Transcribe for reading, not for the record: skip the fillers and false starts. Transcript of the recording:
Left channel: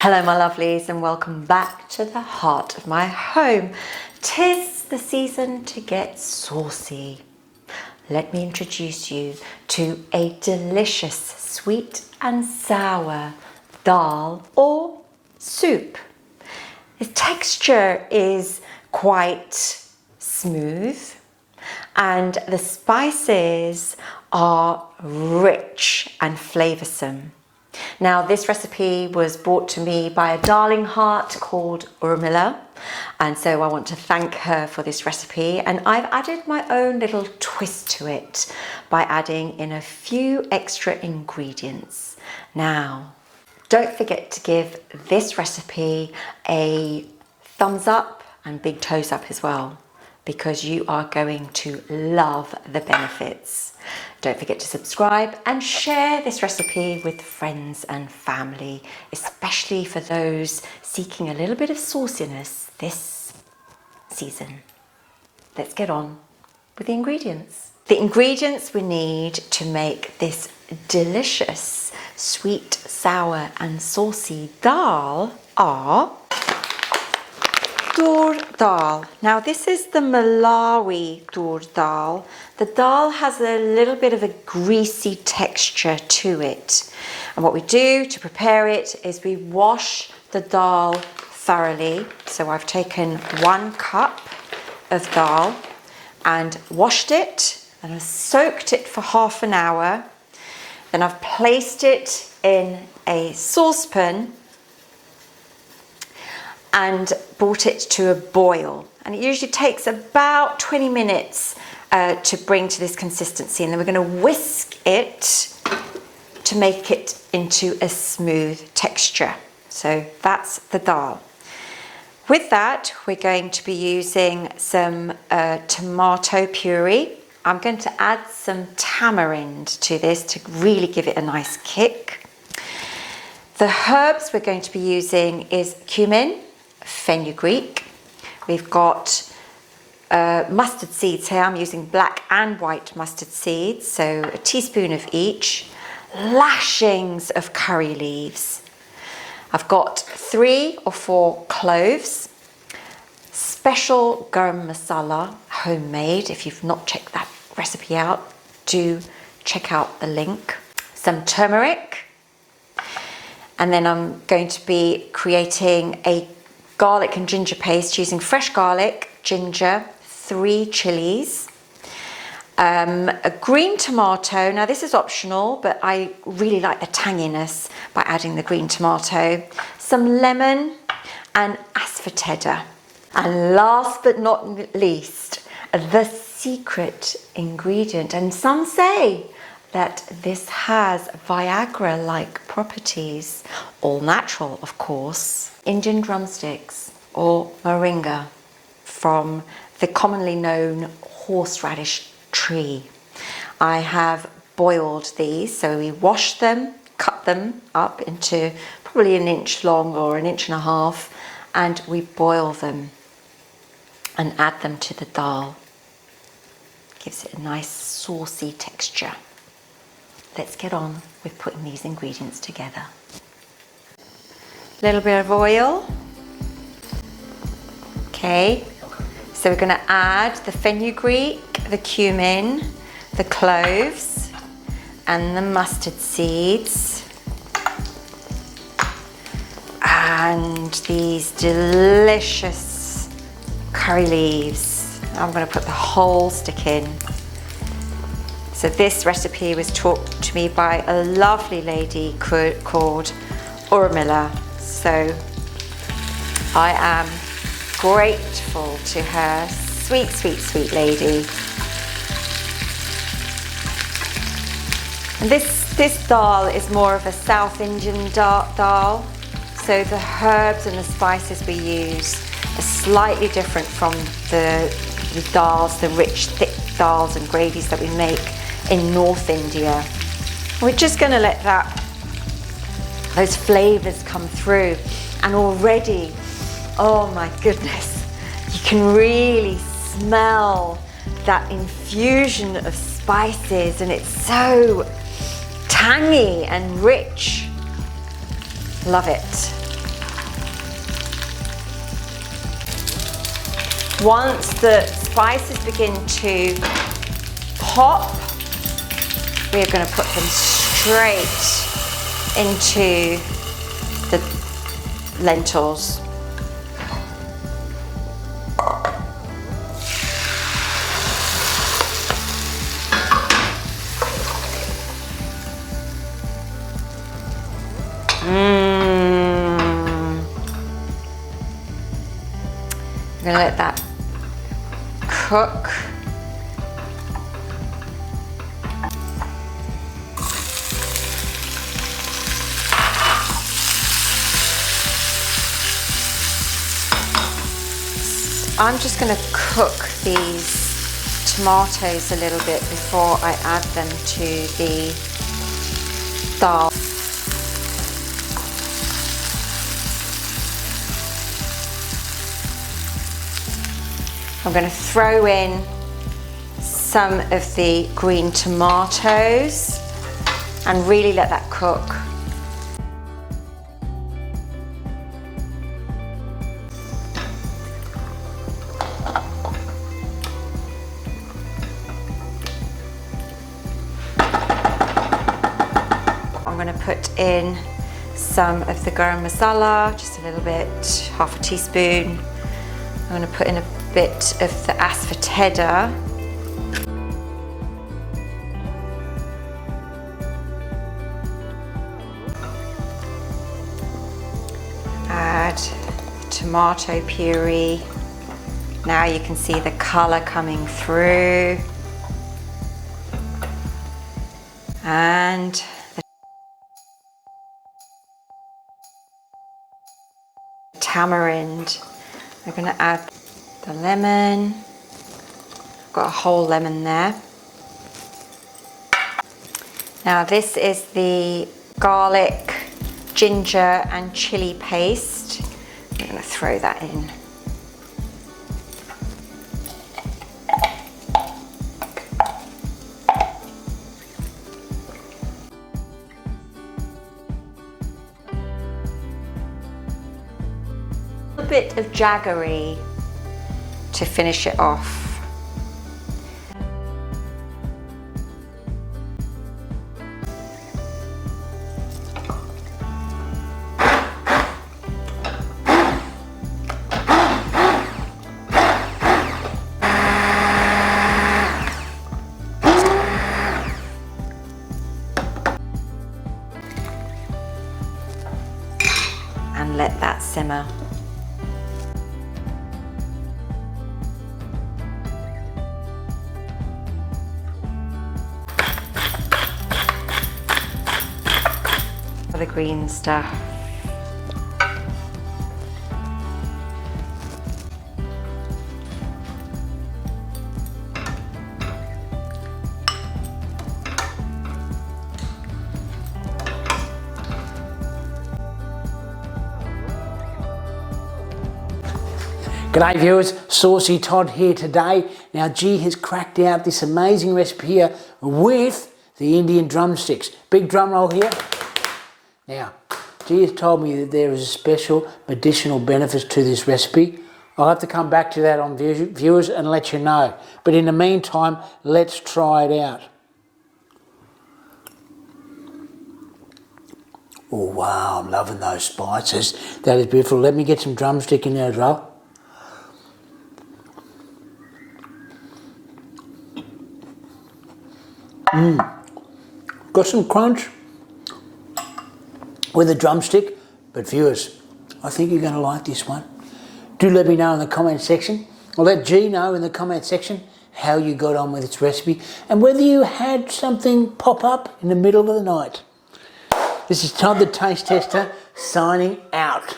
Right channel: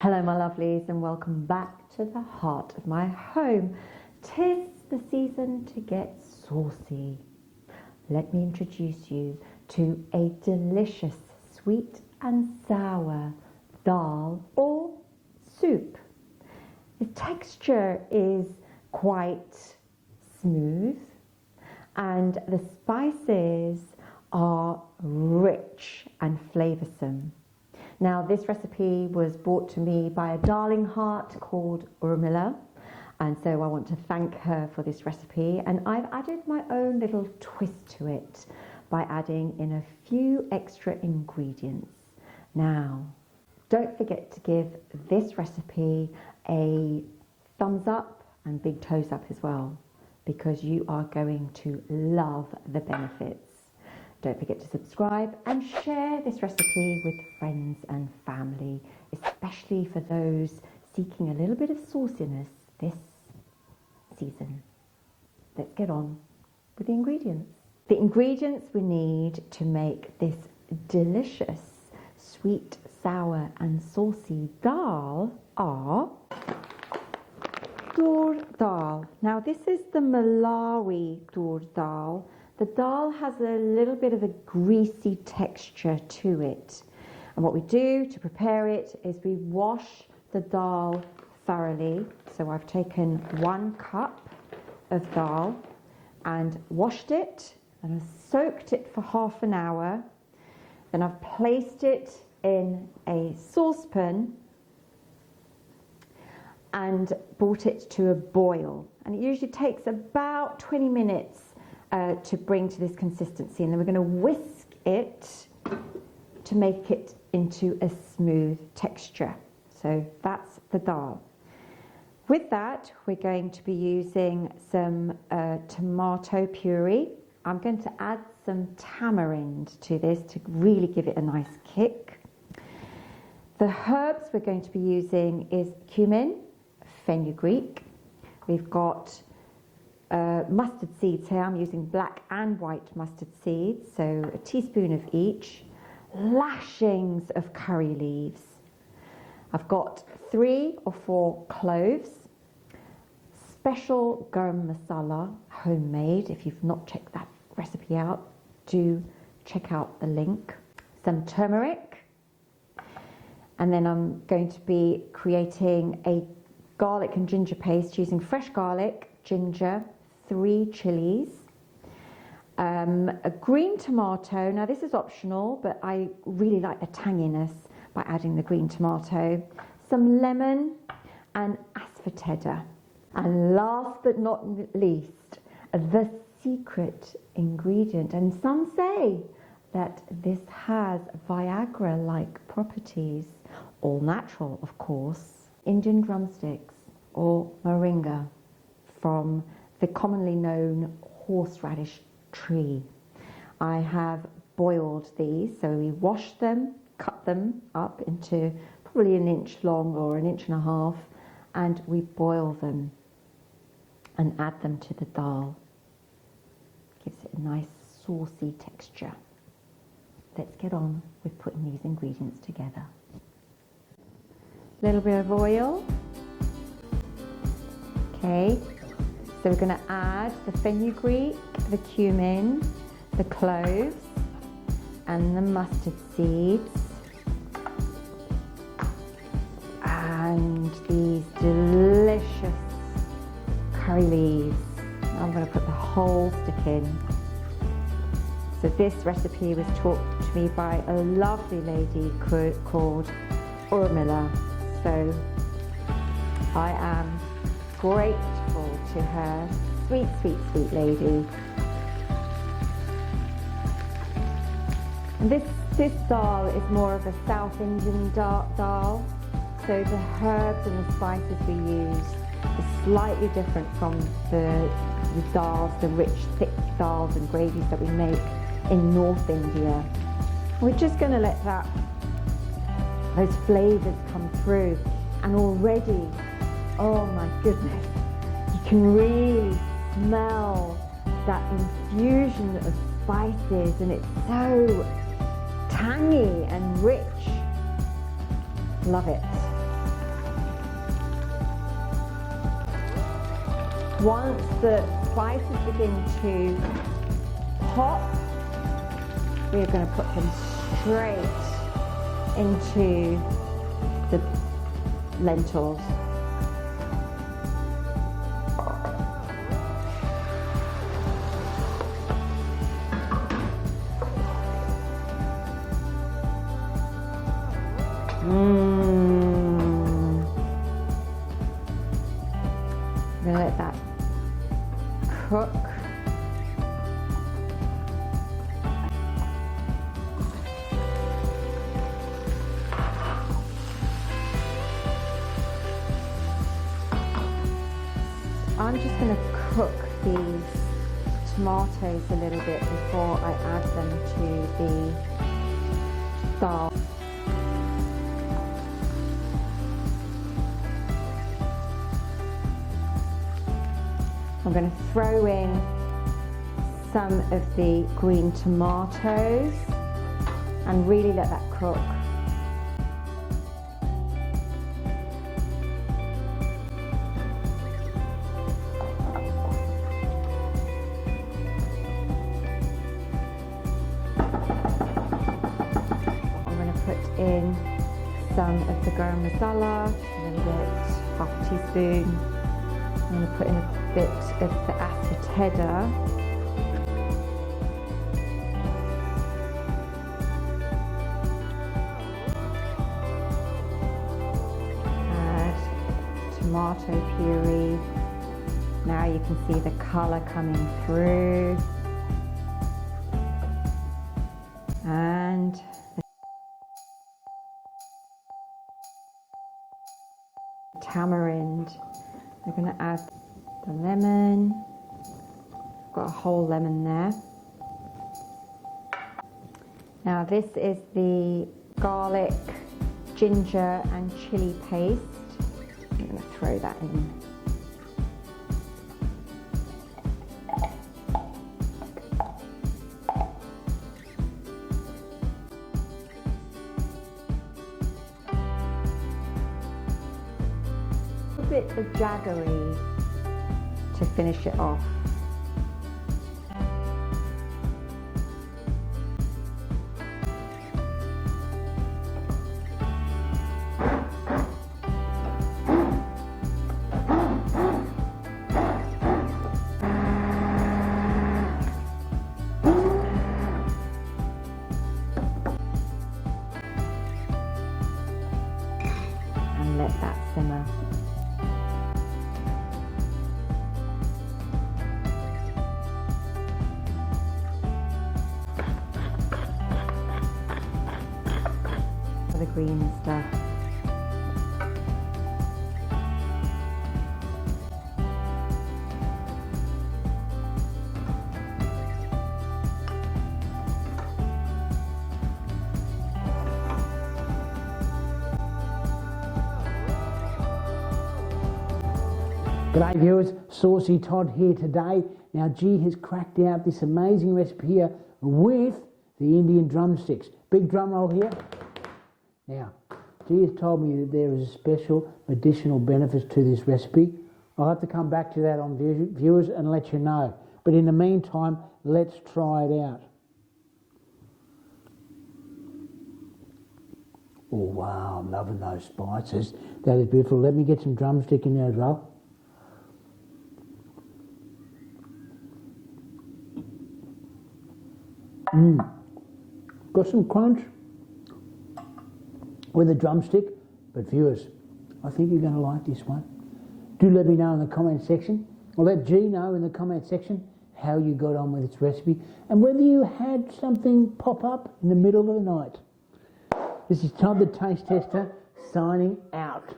Hello my lovelies and welcome back to the heart of my home. 'Tis the season to get saucy. Let me introduce you to a delicious sweet and sour dal or soup. Its texture is quite smooth and the spices are rich and flavoursome. Now this recipe was brought to me by a darling heart called Urmilla, and so I want to thank her for this recipe, and I've added my own little twist to it by adding in a few extra ingredients. Now don't forget to give this recipe a thumbs up and big toes up as well, because you are going to love the benefits. Don't forget to subscribe and share this recipe with friends and family, especially for those seeking a little bit of sauciness this season. Let's get on with the ingredients. The ingredients we need to make this delicious sweet, sour and saucy dal are Toor Daal. Now this is the Malawi Toor Daal. The dal has a little bit of a greasy texture to it. And what we do to prepare it is we wash the dal thoroughly. So I've taken 1 cup of dal and washed it and I've soaked it for half an hour. Then I've placed it in a saucepan and brought it to a boil, and it usually takes about 20 minutes to bring to this consistency, and then we're going to whisk it to make it into a smooth texture. So that's the dal. With that we're going to be using some tomato puree. I'm going to add some tamarind to this to really give it a nice kick. The herbs we're going to be using is cumin, fenugreek. We've got mustard seeds here. I'm using black and white mustard seeds, so a teaspoon of each. Lashings of curry leaves. I've got 3 or 4 cloves. Special garam masala, homemade. If you've not checked that recipe out, do check out the link. Some turmeric. And then I'm going to be creating a garlic and ginger paste using fresh garlic, ginger, 3 chilies, a green tomato. Now this is optional, but I really like the tanginess by adding the green tomato, some lemon and asafoetida. And last but not least, the secret ingredient. And some say that this has Viagra-like properties, all natural of course. Indian drumsticks or moringa from the commonly known horseradish tree. I have boiled these, so we wash them, cut them up into probably 1 inch long or 1.5 inches, and we boil them and add them to the dal. Gives it a nice saucy texture. Let's get on with putting these ingredients together. A little bit of oil. Okay, so we're going to add the fenugreek, the cumin, the cloves and the mustard seeds and these delicious curry leaves. I'm going to put the whole stick in. So this recipe was taught to me by a lovely lady called Urmilla. So I am grateful to her. Sweet, sweet, sweet lady. And this dal is more of a South Indian dal. So the herbs and the spices we use are slightly different from the dals, the rich, thick dals and gravies that we make in North India. We're just going to let those flavors come through, and already, oh my goodness, you can really smell that infusion of spices, and it's so tangy and rich. Love it. Once the spices begin to pop, we're going to put them straight into the lentils. I'm going to let that cook. I'm just going to cook these tomatoes a little bit before I add them to the dal. I'm going to throw in some of the green tomatoes and really let that cook. I'm going to put in some of the garam masala, just a little bit, half a teaspoon. I'm going to put in a bit of the asafoetida. Add tomato puree. Now you can see the colour coming through. And the tamarind. We're going to add the lemon. I've got a whole lemon there. Now this is the garlic, ginger and chili paste. I'm going to throw that in. A bit of jaggery to finish it off. And let that simmer. The green stuff. G'day viewers, Saucy Todd here today. Now G has cracked out this amazing recipe here with the Indian drumsticks. Big drum roll here. Now, G has told me that there is a special medicinal benefits to this recipe. I'll have to come back to that on viewers and let you know. But in the meantime, let's try it out. Oh wow, I'm loving those spices. That is beautiful. Let me get some drumstick in there as well. Got some crunch with a drumstick, but viewers, I think you're going to like this one. Do let me know in the comment section, or let G know in the comment section how you got on with this recipe and whether you had something pop up in the middle of the night. This is Todd the Taste Tester signing out.